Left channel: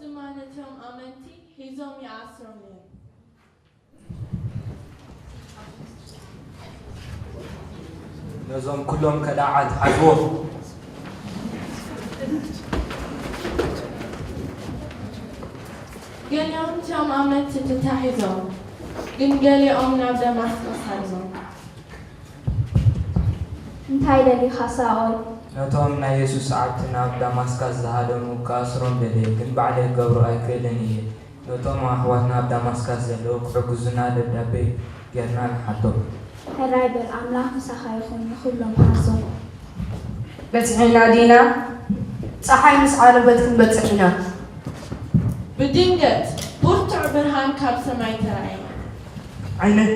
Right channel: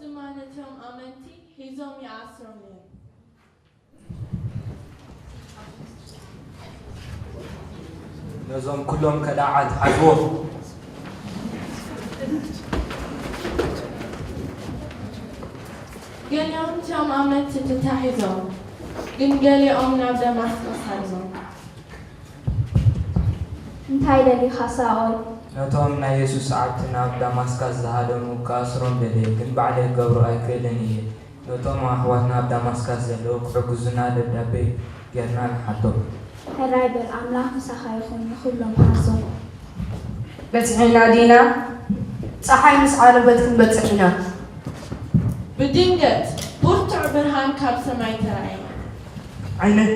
زمانتهم أمنتي هيزوم يعصرون نزوم كلهم كداعات حزوه قال يوم تم أمنتي تتحيزون قال يوم نبدأ مسكس حزون እንታይ ደሊኻ ሳኦል ነቶም ናይ ኢየሱስ ዓብትና ኣብ ዳማስካስ ዝሃደሙ ከኣስሮም ደልየ ግን ባዕለይ ክገብሮ ኣይክእልን እየ ነቶም ኣሕዋትና ኣብ ዳማስካስ ዘለዉ ክሕግዙና ደብዳቤ ጌርና ንሓቶ ሕራይ በል ኣምላኽ ምሳኻ ይኹን ንኹሎም ሓሶም በፅሒና ዲና ፀሓይ ምስ ዓረበት ክንበፅሕ ኢና بدينجت برتع برهان كاب سماي ترعي ዓይነት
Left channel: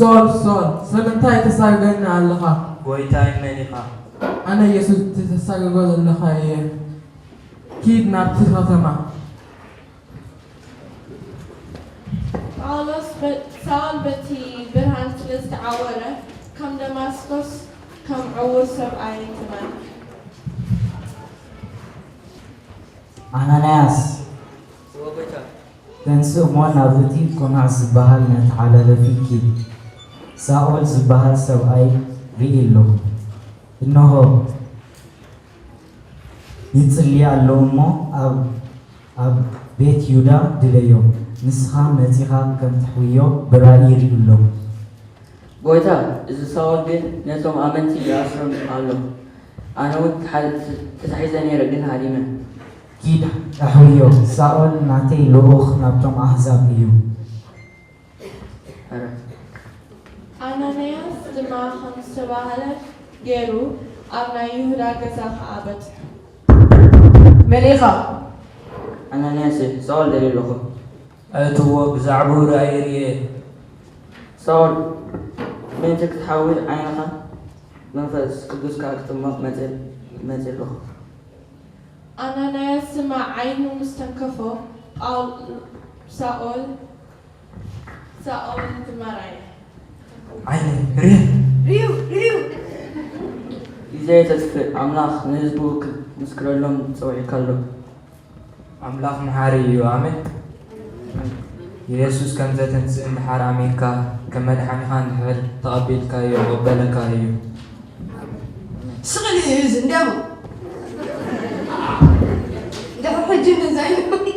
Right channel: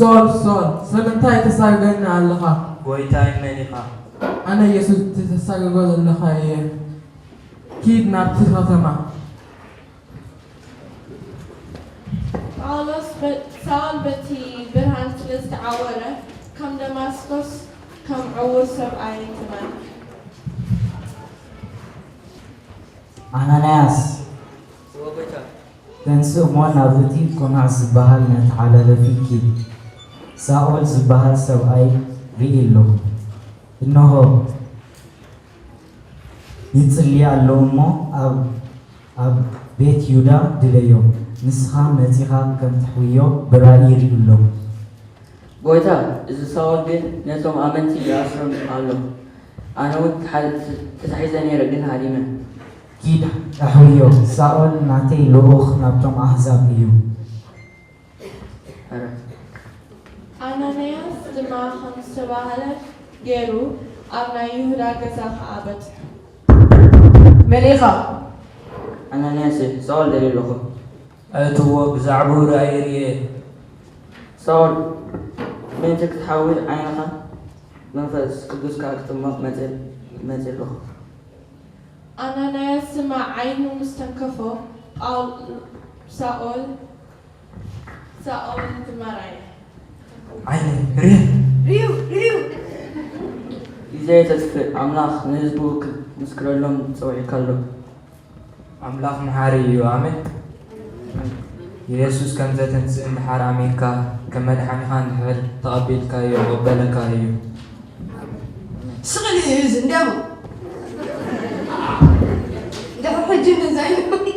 صول سلمتاي تساقنا على اللخا ጎይታይ መን ኢኻ أنا يسوع تساقنا على اللخا كيد نبتي ختمة سال بتي برهان تلست عورة كم دمسكس كم عور سبعي كمان أنانياس تنسو موان نابتي كنا زباهل نتعالى لفيكي ساول زباهل سبعي رئيلو إنه يتصلي اللومو أب بيت يودا دليو نسخة نتيخة كم تحويو برأي رئيلو ጎይታ እዚ ሳውል ግን ነቶም ኣመንቲ ይኣስሮም ኣሎ ኣነ እውን ተታሒዘ ነይረ ግን ሃዲመ كيد تحويو ساول ناتي لوخ نبتم أحزاب إيو أنانياس دماغ خمس سباهلة جيرو أبنا يهودا قزاق عابد መሊኻ ኣናንያስ ሳውል ደሊሉ ኹ ኣእትዎ ብዛዕባ ራእይ ርየ ሳውል ምንቲ ክትሓውል ዓይንኻ መንፈስ ቅዱስካ ክትጥመቕ መፅእ ኣለኹ أنانياس مع عينه مستنكفه قال سأول دماري ዓይነት ርየ ሪዩ ግዜ ተስፍእ ኣምላኽ ንህዝቡ ምስክረሎም ፀውዒካ ኣሎ ኣምላኽ መሓሪ እዩ ኣሜን ኢየሱስ ከም ዘተንስእ እንድሓር ኣሜንካ ከም መድሓኒኻ እንድሕር ተቐቢልካዮ ቅበለካ እዩ ስቕሊ እዚ እንዲያው دحر حجي زين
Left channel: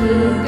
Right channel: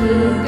Oh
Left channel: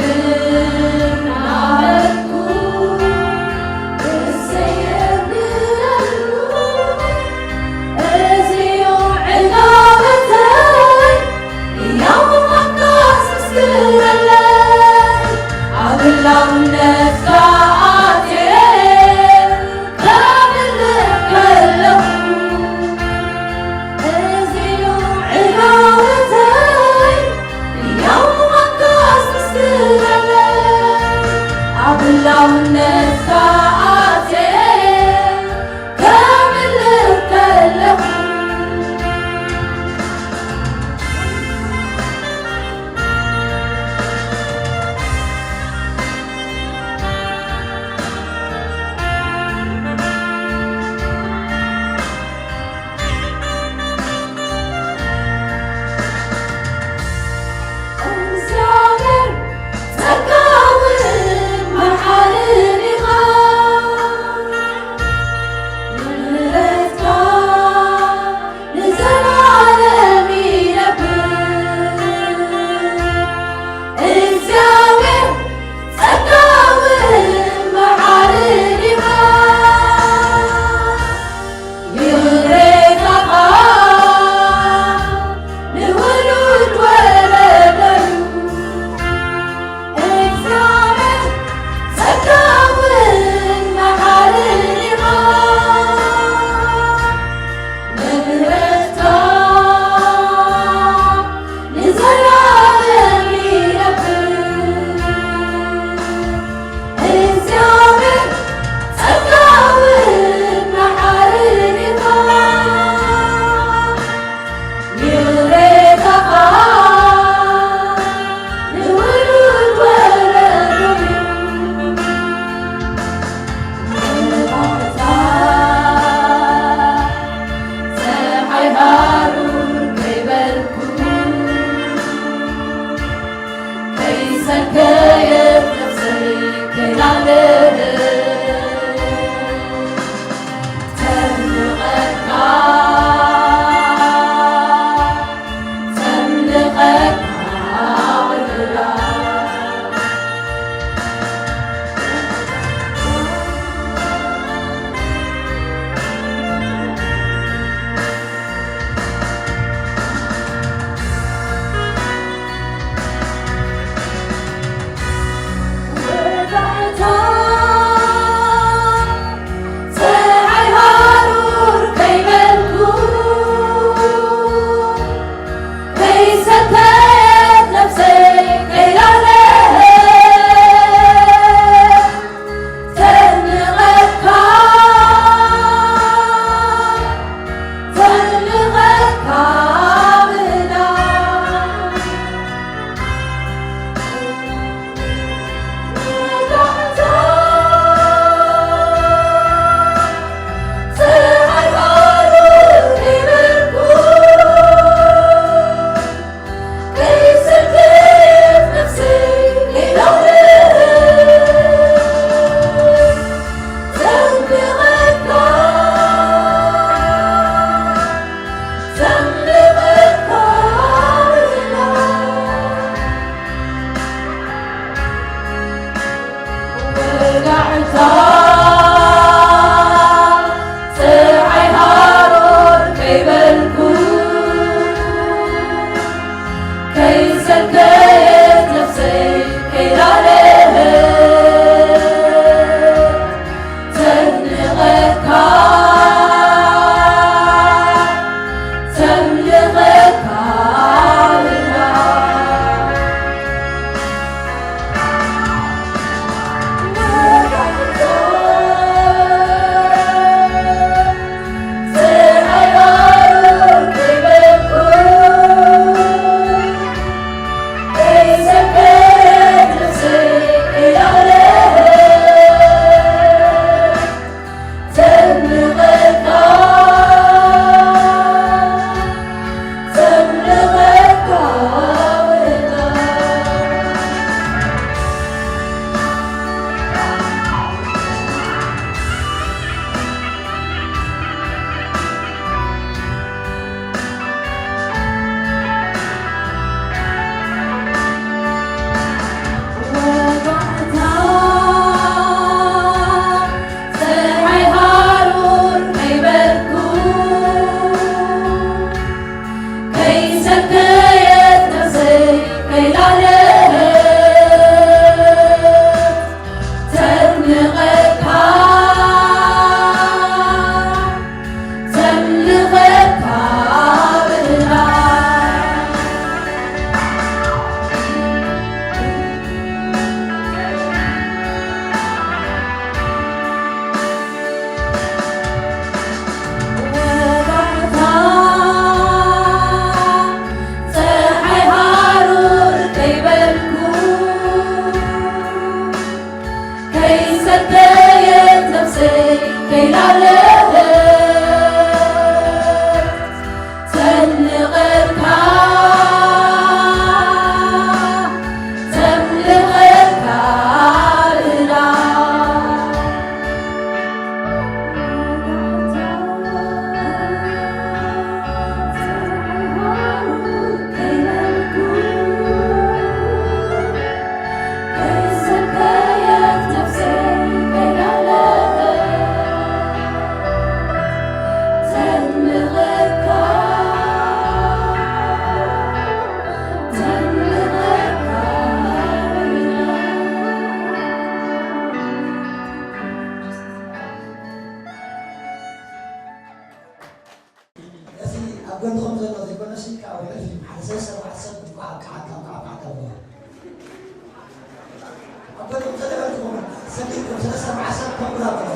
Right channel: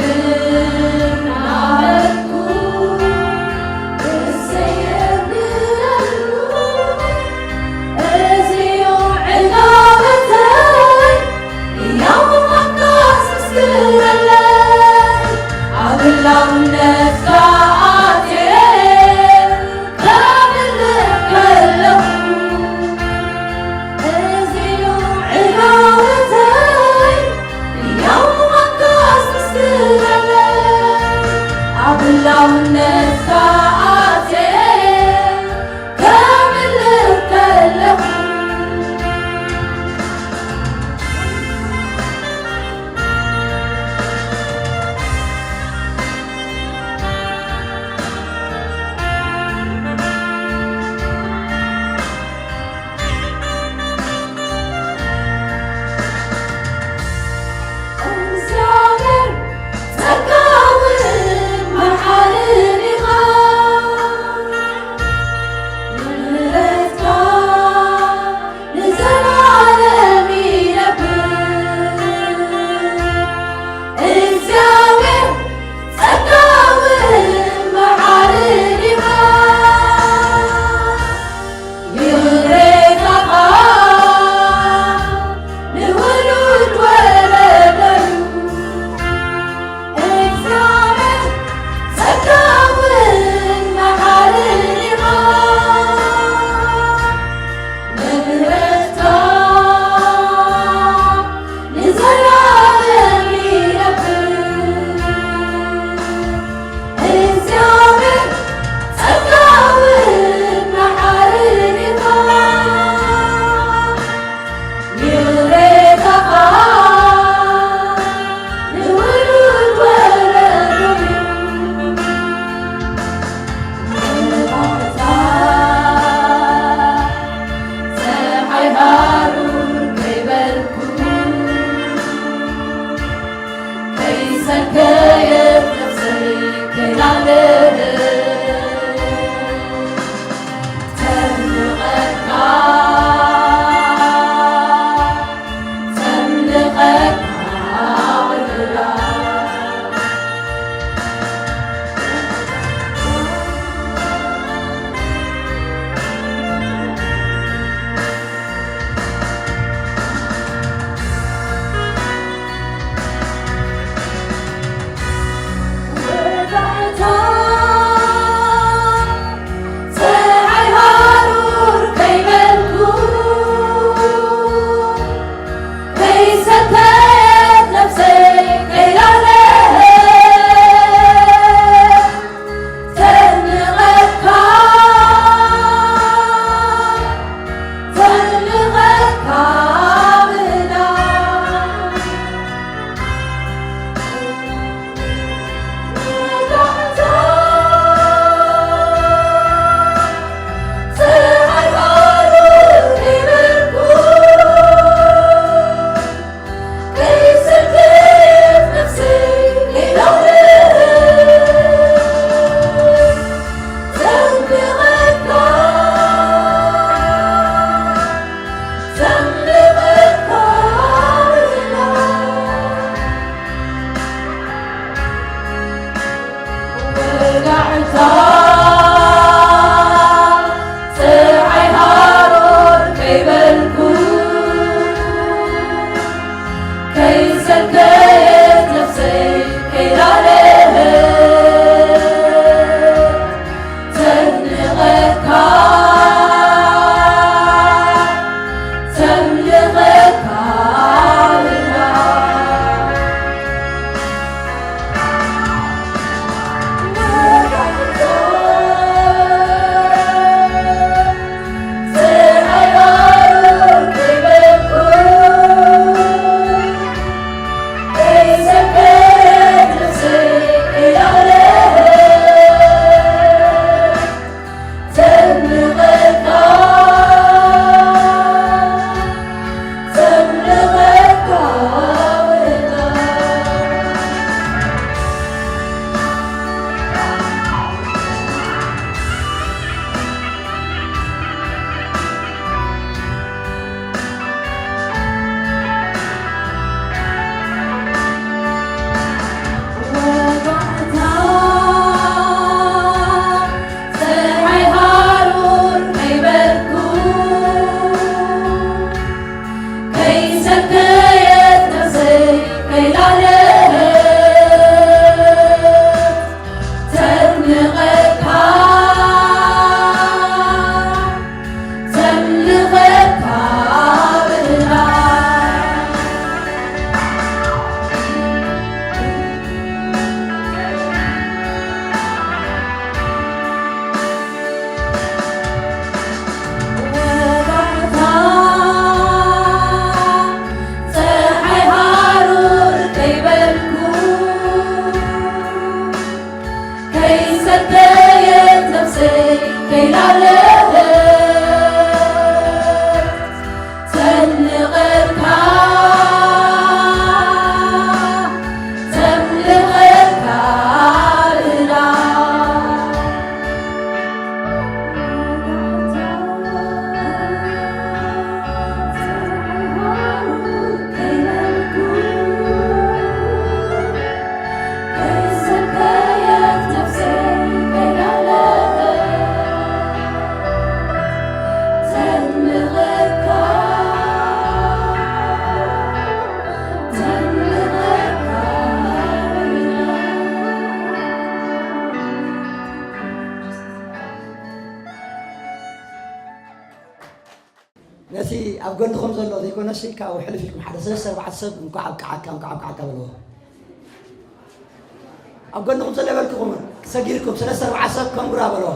أقولكم سلامتكم سجلكم سلسلة عسلكم برابرو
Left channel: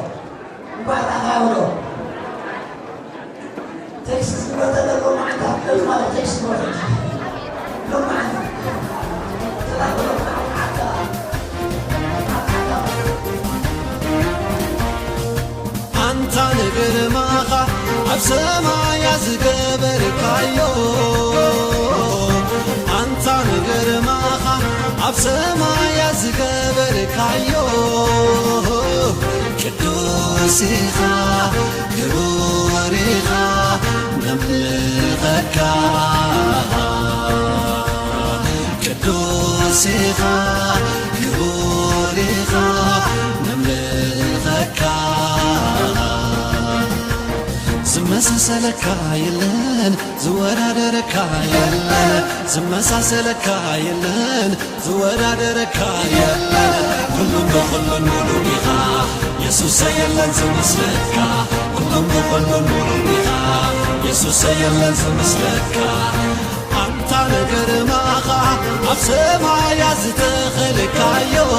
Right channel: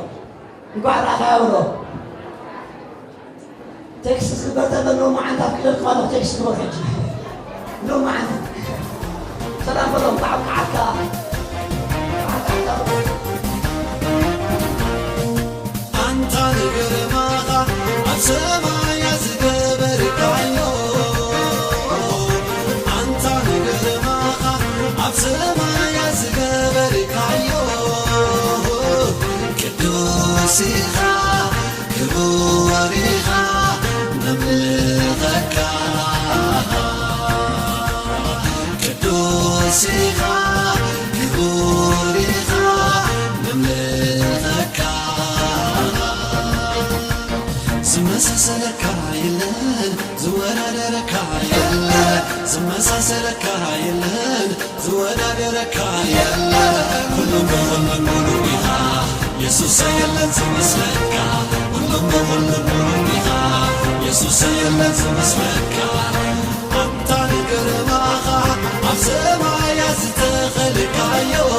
وبعد أخاورو تكسس البرتة لو ما عندها كل الخالق تكسس البرتة لو ما عندها سلام الله تعالى عكا أنت نقر ماخا عبسما يزقبر كايو أنت نقر ماخا عبسما يزقبر كايو كدوسيخا كبوريخا نملغكا كدوسيخا كبوريخا نملغكا زمساسلك يلن زورادرك يلن زمساسلك يلن زورادرك يلن كلهم بكل نورها يسوع يلن زمسلك كلهم بكل نورها يسوع يلن زمسلك أنت نقر ماخا عبسما يزتخلك يو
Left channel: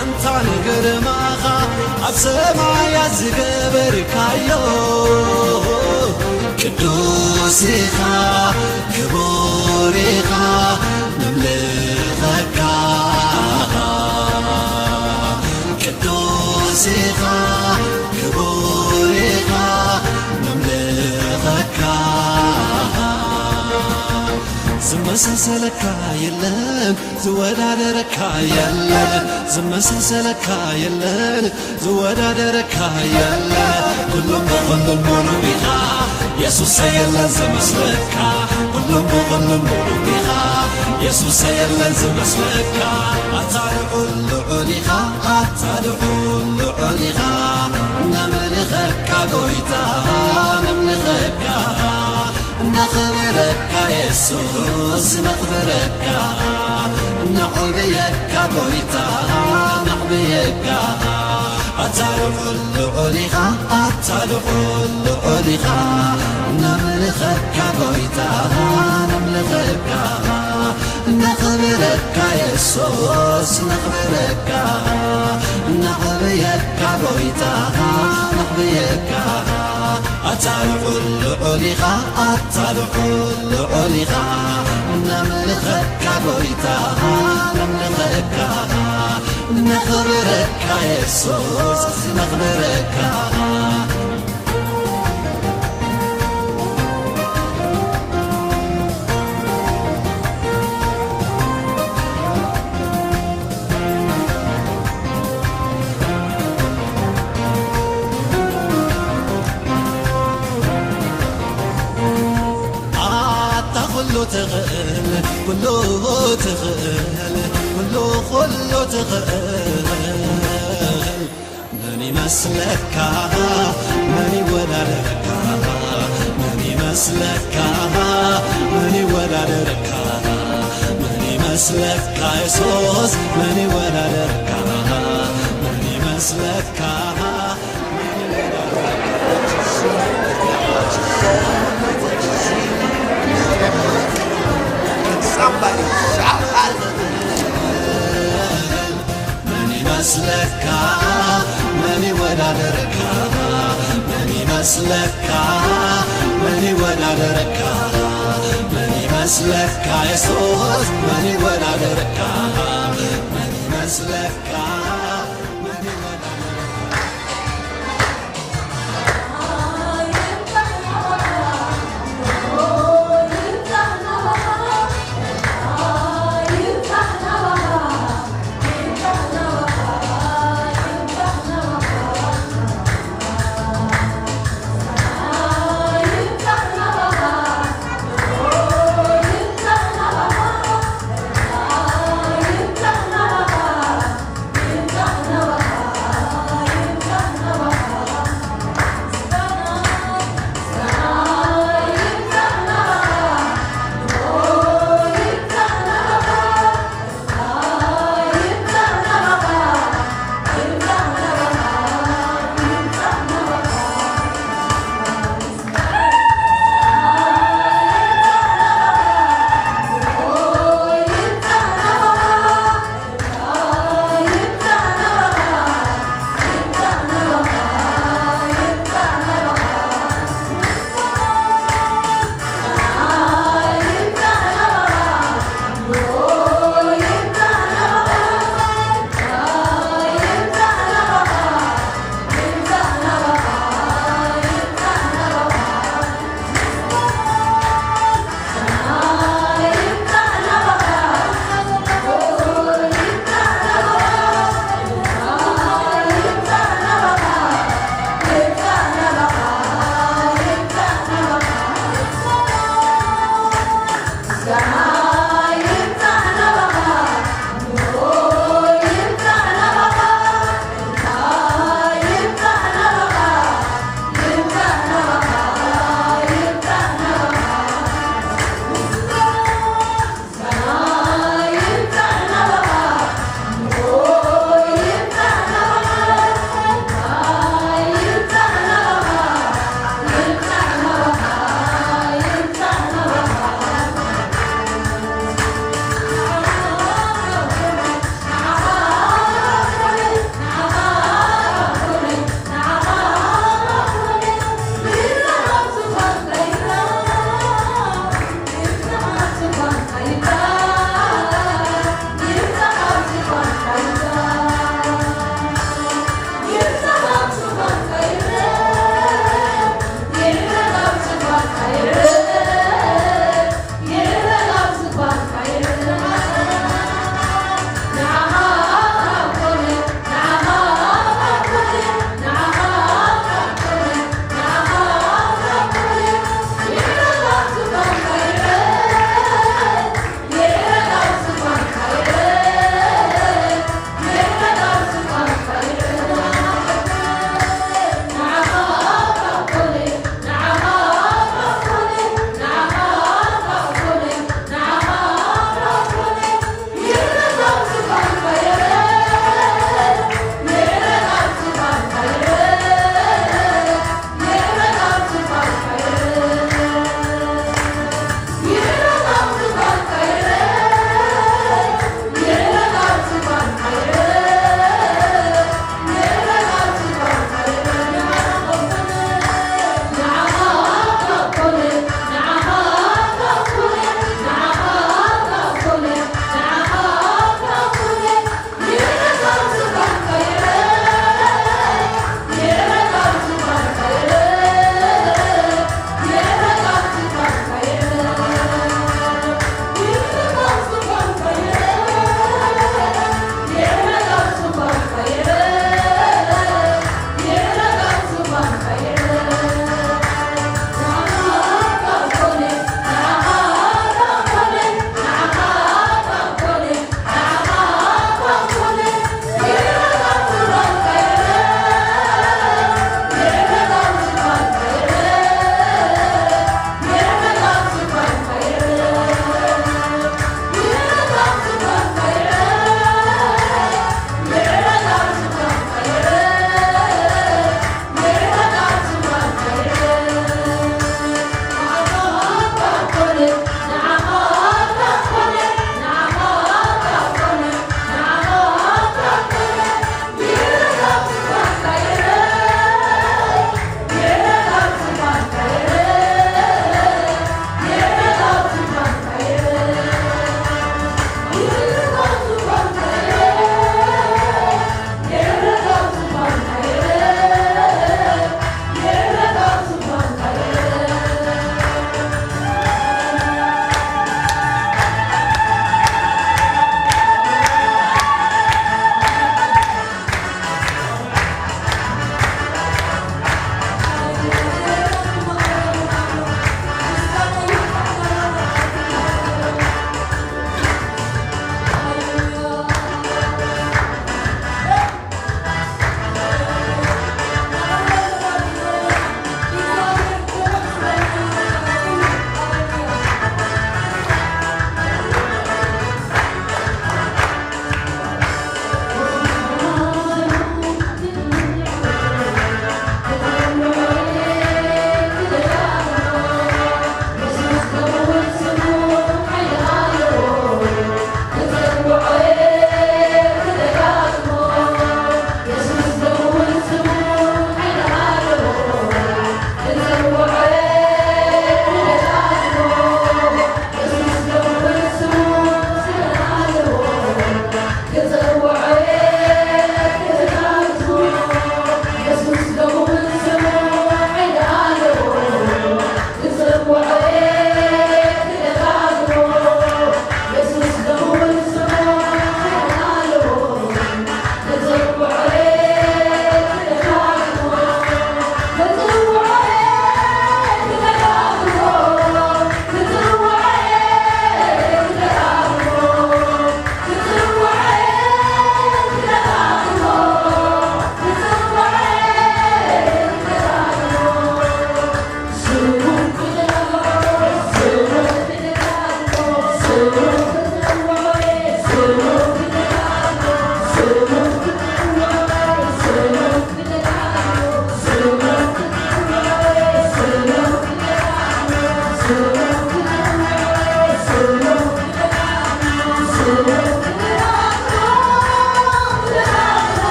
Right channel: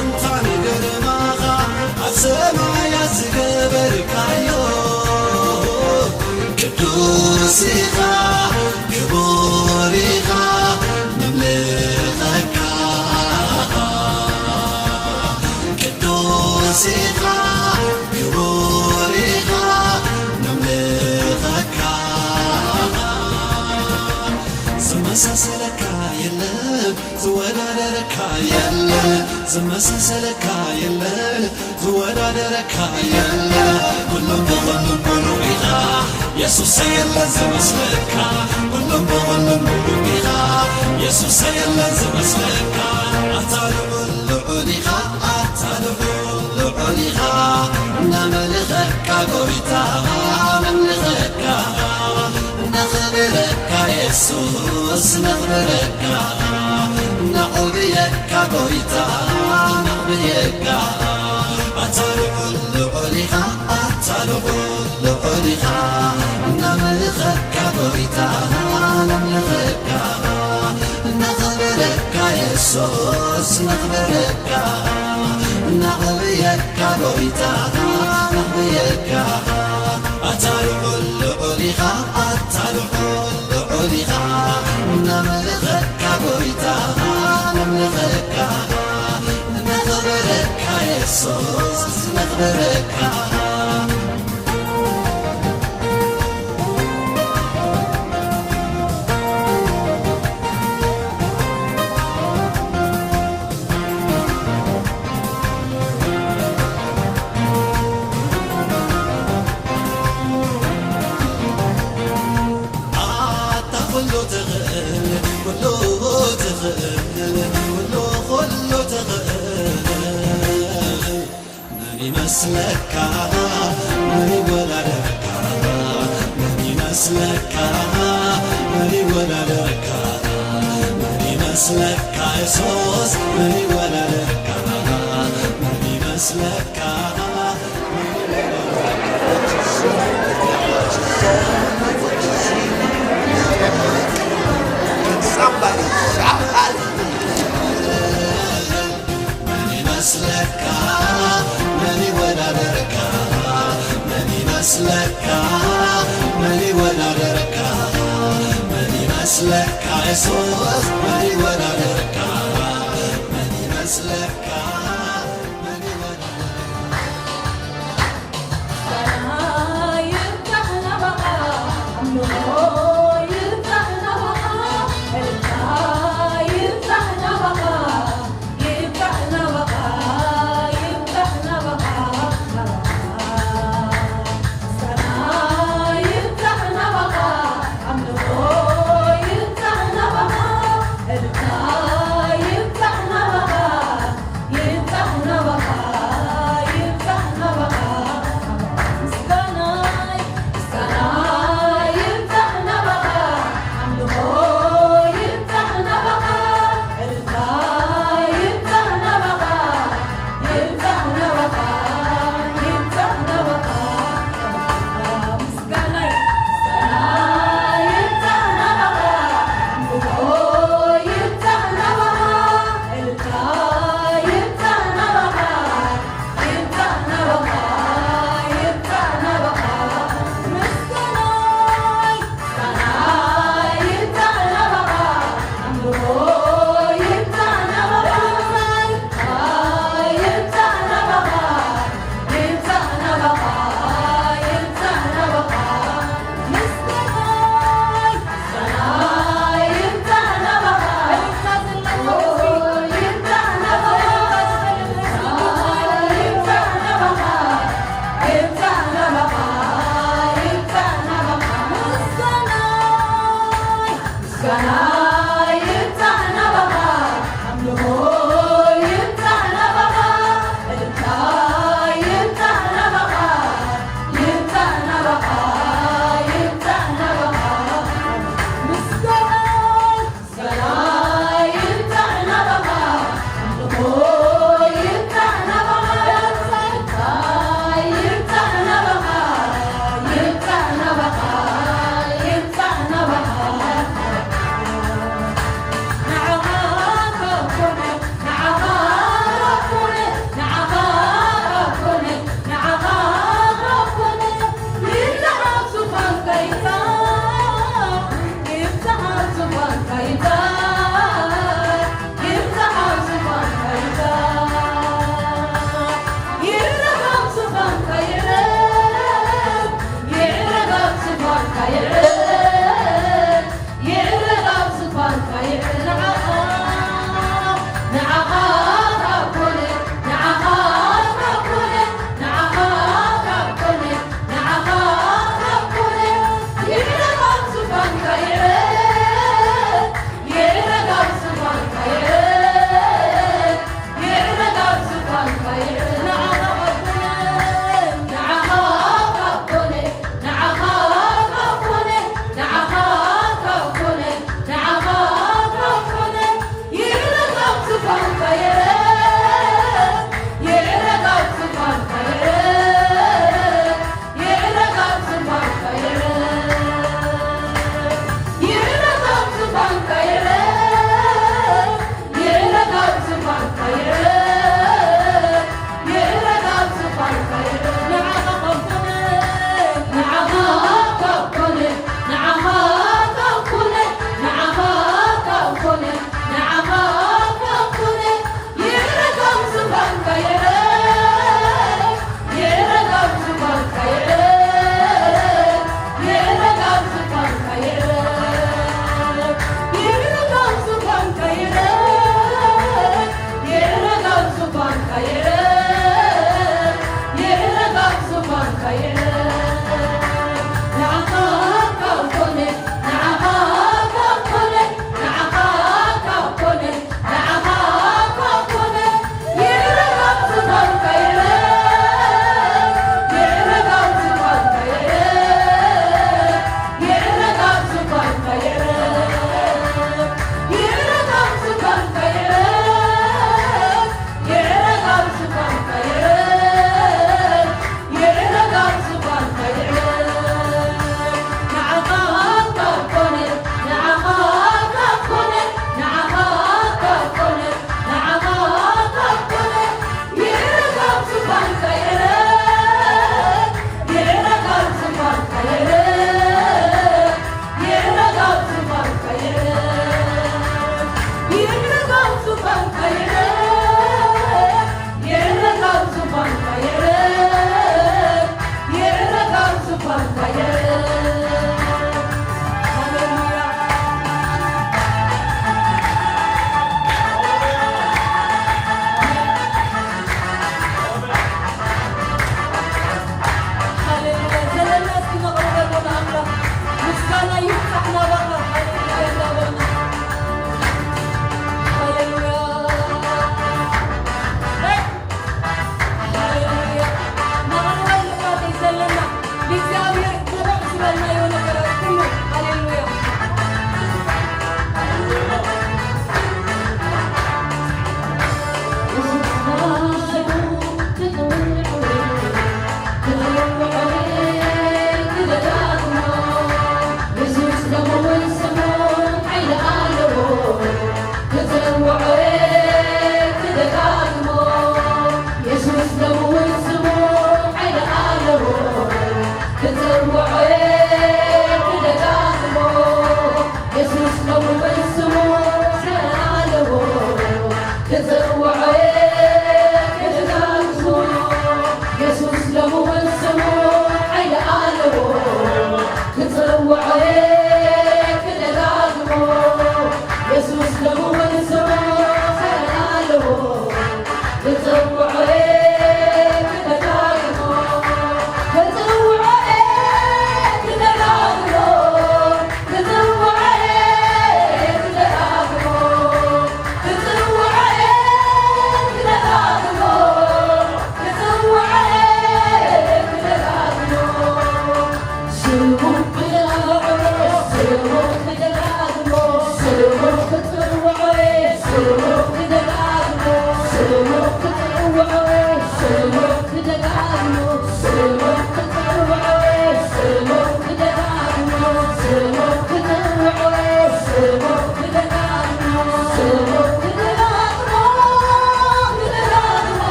أنت نقر ماخا عبسما يزقبر كايو كدوسيخا كبوريخا نملغكا كدوسيخا كبوريخا نملغكا زمساسلك يلن زورادرك يلن زمساسلك يلن زورادرك يلن كلهم بكل نورها يسوع يلن زمسلك كلهم بكل نورها يسوع يلن زمسلك أتالو العليها نملغك قويتا نملغك نخبرك يسوس نخبرك نحبيك قويتا نحبيك أتالو العليها نملغك قويتا نملغك نخبرك يسوس نخبرك نحبيك قويتا نحبيك أتالو العليها نملغك قويتا نملغك نخبرك يسوس نخبرك كله تغل كله تغل كله تغل ماني مسلك ماني ولا لك ماني مسلك ماني ولا لك ماني مسلك يسوس ماني ولا لك ماني مسلك Somebody shout ماني مسلك ماني ولا درك ماني مسلك ماني ولا درك ماني مسلك يسوس ماني ولا درك ماني مسلك ماني ولا درك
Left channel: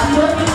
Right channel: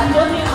I'm looking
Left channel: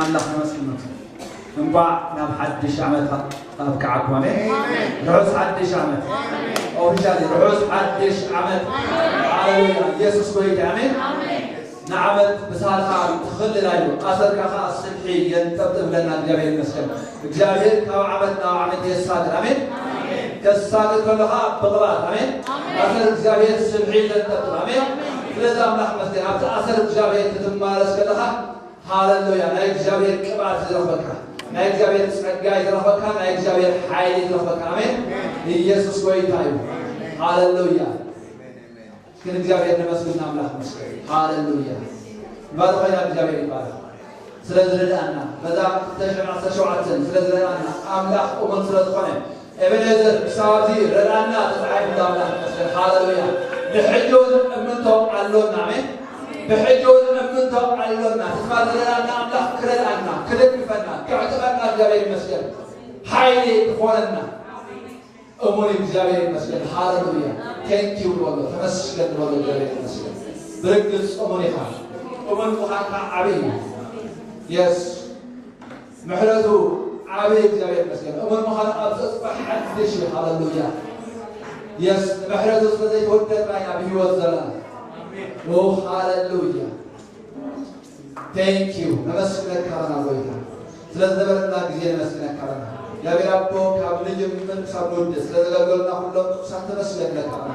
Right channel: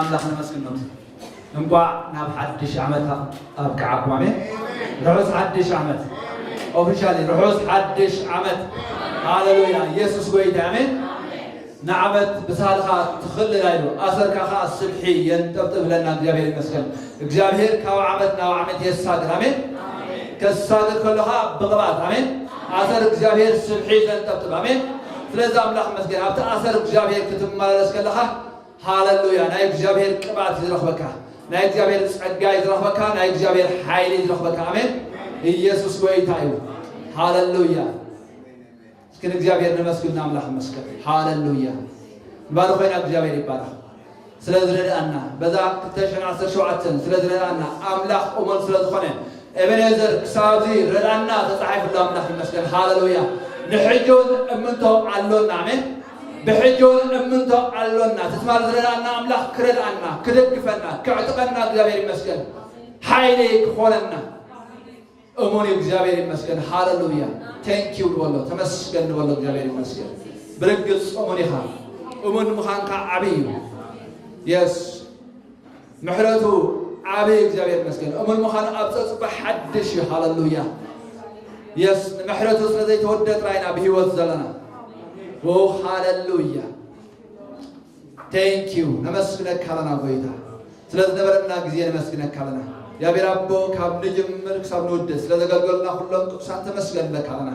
አምላክ ተመስገን ነው። እንኳን ናብ ሓድሽ ዓመት ኣብከዓኩ አሜን። ርሑስ ሓድሽ ዓመት ኦፊሻሊ ርሑስ ሓድሽ ዓመት ሃሌሉያ ኢየሱስ ጎይታ አሜን። ንዓመት ብሳልኻ ትኽእል ኢሉ ኣሰርካኻ ስልሒ የንጠብጥብ ለና እግዚአብሔር ይመስገን። እግዚአብሔር ካብ ዓመት ናብ ዓመት የሳድር አሜን። ከሳድር ከለኻ ብቕባት አሜን። ኣሰር እግዚአብሔር ስልሒ የንጠብጥብ አሜን። ስለዚ ኣምላኽ መስገን ኣብቲ ኣሰር እግዚአብሔር ክትመላለስ ከለኻ ሃሌሉያ ናይ እግዚአብሔር ቅባት ይረኽበካ፣ ናይ እግዚአብሔር ጸጋ ይረኽበካ፣ ናይ እግዚአብሔር ኃይል ይረኽበካ አሜን። ኢየሱስ ጎይታ እዩ ሃሌሉያ። እስኪ እግዚአብሔር ይመስገን አምላክ ይመስገን ሃሌሉያ። ባርኮና እግዚአብሔር ይባረክ። ስለዚህ ረዳና በዛ ተሸራሰሸዋትን ስለዚህ ረዳና አምላክ ቆመን ስለዝኾነ ኤቤኔዘር ክሳብዚ ረዳና ተጻሒፍ አምላክ ይመስገን ሃሌሉያ። ንሕጆን እምንቶ አሎና አሜን። بحجون أمنتو علونا تسمع لنا أملاك كردنا كردفنا كعتقنا እግዚአብሔር ይመስገን ኃይሌ ሆነና እሙን እግዚአብሔር ይመስገን ሃሌሉያ ቴንክ ዩ ወሎ ተመስገን ወሎ እግዚአብሔር ይመስገን ብርግጽ እሙን ይኻ እሙን ሙኻንካ ዓብይ የስ ምሕረቱ ዓብይ እግዚአብሔር ይመስገን እሙን ሙኻን ኣብ ተጽባሕ ሓድሽ ሃሌሉያ የስ ምሕረቱ ስለዘይተወደጥ ራይና ብህይወት ዘለና Oh hallelujah. Thank you. Namaskar kalana goyta. ስለዚህ ነበርና ጊዜ ነመስገን kalana. ያ ቢራቦ ካብልጅ ምልክ ሳብሎድ ስለዘገልገልና ሁሉም ቅዱሳን ተመስገን ለካልና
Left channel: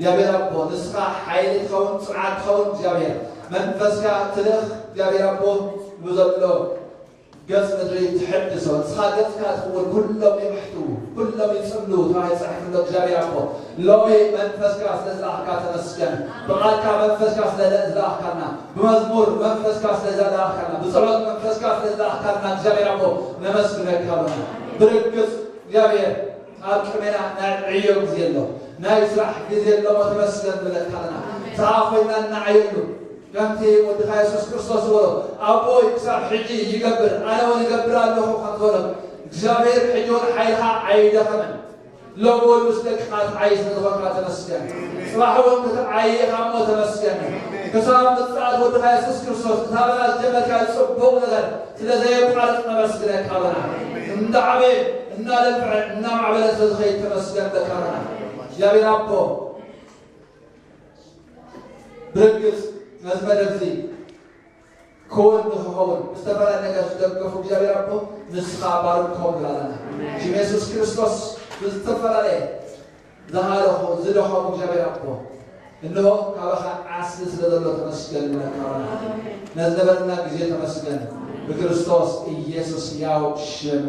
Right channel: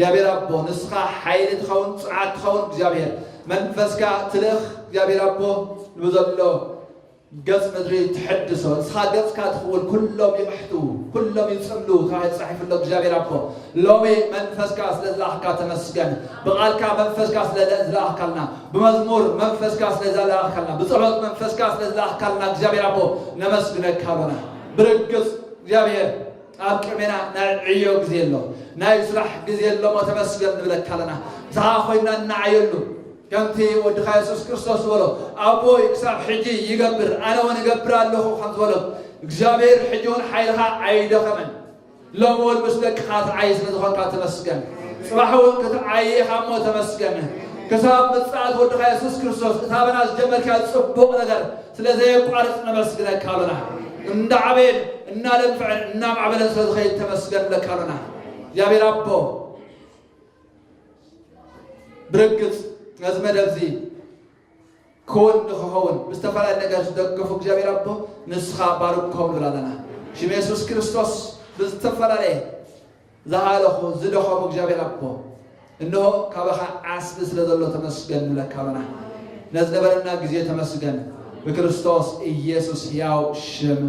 ያ ቢራቦ ንስኻ ኃይል ተኸውን ጽዓት ተኸውን እግዚአብሔር መንፈስካ ትልኽ ያ ቢራቦ ብዘሎ ገጽ ምድሪ ትሐድሶ ንስኻ ገጽካ ትኽውን ኩሎም ይምሕቱ ኩሎም ይጽምሉ ተባሂል ተጻሒፉ ሎ እግዚአብሔር አቦ ሎሚ መንፈስካ ስለዝለኣኽካ ተመስገን ብቓልካ መንፈስካ ስለዝለኣኽካልና ብመዝሙር መንፈስካ ስለዝለኣኽካልና ብጸሎት መንፈስካ ስለዝለኣኽካልና እግዚአብሔር አቦ ነመስግነካ ኣለና ብርግጽ እግዚአብሔር ኣብ ቅድሜና ናይ ዕዮ ጊዜ ኣሎ ናይ ስራሕ ጊዜ ኣሎሞ ተመስገን ንብለካ ኣለና ስኻ ኮይና እናዓየሉ ከምቲ ወድኻ ኢየሱስ ክርስቶስ በሎ ኣቦይ ክሳብ ሕጂ ይገብር ኣነ እውን እገብር ኣለኹ ከምትበሎ እግዚአብሔር ሕጂውን ሓይልኻ ኣይደኸመን ሎሚ እውን ምስ ደቅኻ ትዓይ ስለዝኾንካ ተመስገን ጽባሕ እውን ክትዓይኻ እሞ ተመስገን ክሳብ ምጽኣት ወድኻ ኢየሱስ ክርስቶስ እታበና ዝጀመርካ ጽቡቕ ነገር ስለዘየቋርጥ ነመስግነካ ኣለና እንዳዓበየን እናለንፍዕን እናማዕበለን ስለዝኸይድ ተመስገን ለካ ኣለና እግዚአብሔር ኣቦ ብርግጽ ነዝመደብዚ ክውን ንኽኸውን ብዝተፈላለየ ነገር ዝደገፉ እግዚአብሔር ኣቦ ንስኻ ባርክዎም ንብላለና ሽም ኢየሱስ ክርስቶስ ብዝተፈላለየ ዝሃለኹ ዝደኸሙ እግዚአብሔር ኣቦ እንሆ ካባኻ ዓስሊ ስለ ዘሎ ተመስገን ንብለካ ኣለና ነዝነበረና ጊዜ ተመስገን በክርስቶስ ኢየሱስ ሕያው ሽም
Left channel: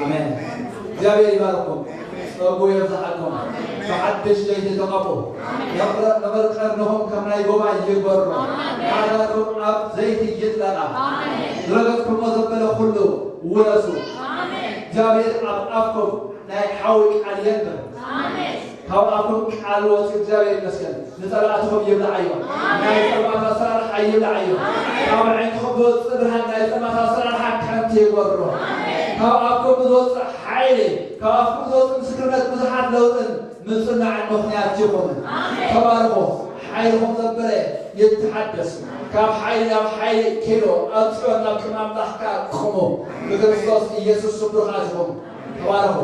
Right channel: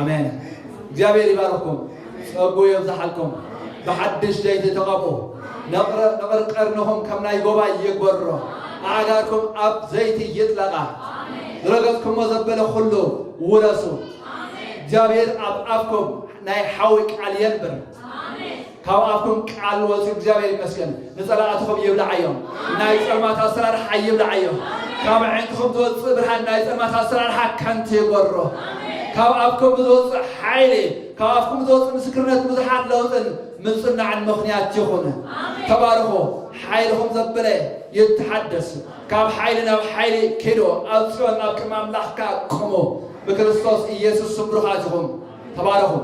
አሜን። እግዚአብሔር ይባርኩም ጸጉ ይብዛሓልኩም بحدش زيت تغابو نقر قرنهم كمنا يقوى يقبروا نعلاتكم أب زيت يطلع رغبكم وزبنا خلو ورسو جابير أب أبكم ناي حاوك على ينبر هاو أبكم على وسط جابير مسكن نزلاتهم يبلعيهم ناي سما تسرر حي يبلعيهم هاو عندهم دوت صبرها ناي سما تسرر حكم تيقبروا هاو أبكم دوت حيلي هاو أبكم دوت مسكرات مزحات لوطن من صنع عن مخنيات يخونه تباركوا حيلهم ذبله يتحدثوا كاب حيلنا وحيل كيلو أبصر أب كمان لحكا كمو بكريستوس ኢየሱስ ስብሩኻት ይኹን ተባረኹ